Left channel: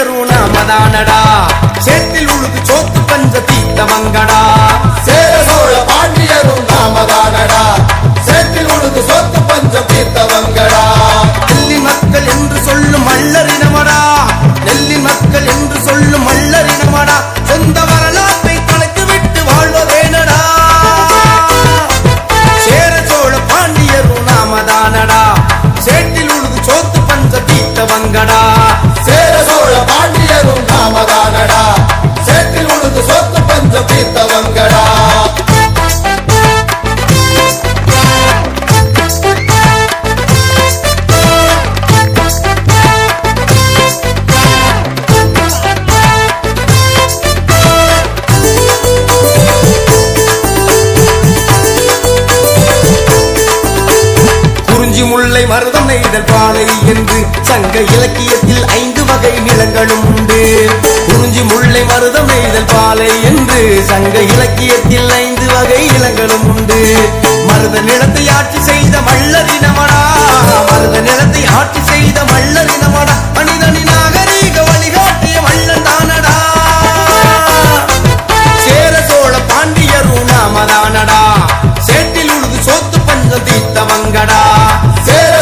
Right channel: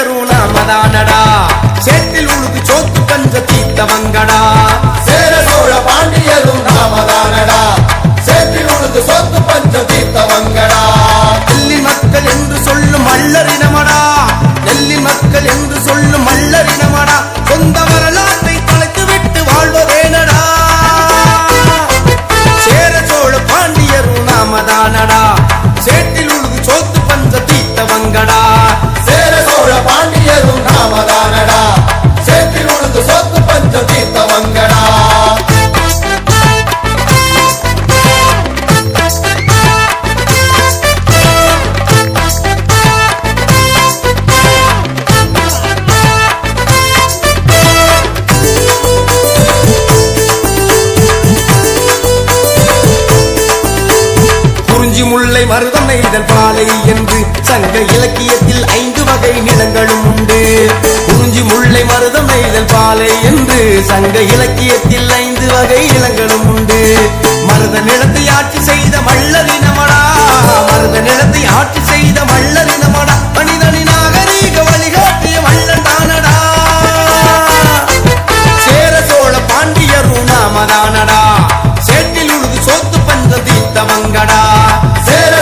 பாண்டியரும் நாமதானடா சேற்றில் உழுது சோத்து பஞ்ச தீத்தவங்கடா சேர சோழ பாண்டியரும் நாமதானடா சேற்றில் உழுது சோத்து பஞ்ச தீத்தவங்கடா நெல்லின் மக்கள் என்று சொல்லும் மல்லரினமடா நெல்லின் மக்கள் என்று சொல்லும் மல்லரினமடா சொந்த வரலாற்றை தொலைத்து விட்டு வாழ்வதேனடா சேர சோழ பாண்டியரும் நாமதானடா சேற்றில் உழுது சோத்து பஞ்ச தீத்தவங்கடா சேர சோழ பாண்டியரும் நாமதானடா சேற்றில் உழுது சோத்து பஞ்ச தீத்தவங்கடா குறிஞ்சி முல்லை மருதம் நெய்தல் பாலை என்று சங்க இலக்கியத்தில் 5 வகை நிலங்களும் உண்டு குறிஞ்சி முல்லை மருதம் நெய்தல் பாலை என்று சங்க இலக்கியத்தில் 5 வகை நிலங்களும் உண்டு மருத நிலத்தை ஆட்சி செய்த மல்லரினமடா மருத நிலத்தை ஆட்சி செய்த மல்லரினமடா மனிதனின் நாகரீக வழிகாட்டிய மல்லன் தானடா சேர சோழ பாண்டியரும் நாமதானடா சேற்றில் உழுது சோத்து பஞ்சம் தீத்தவங்கடா சேர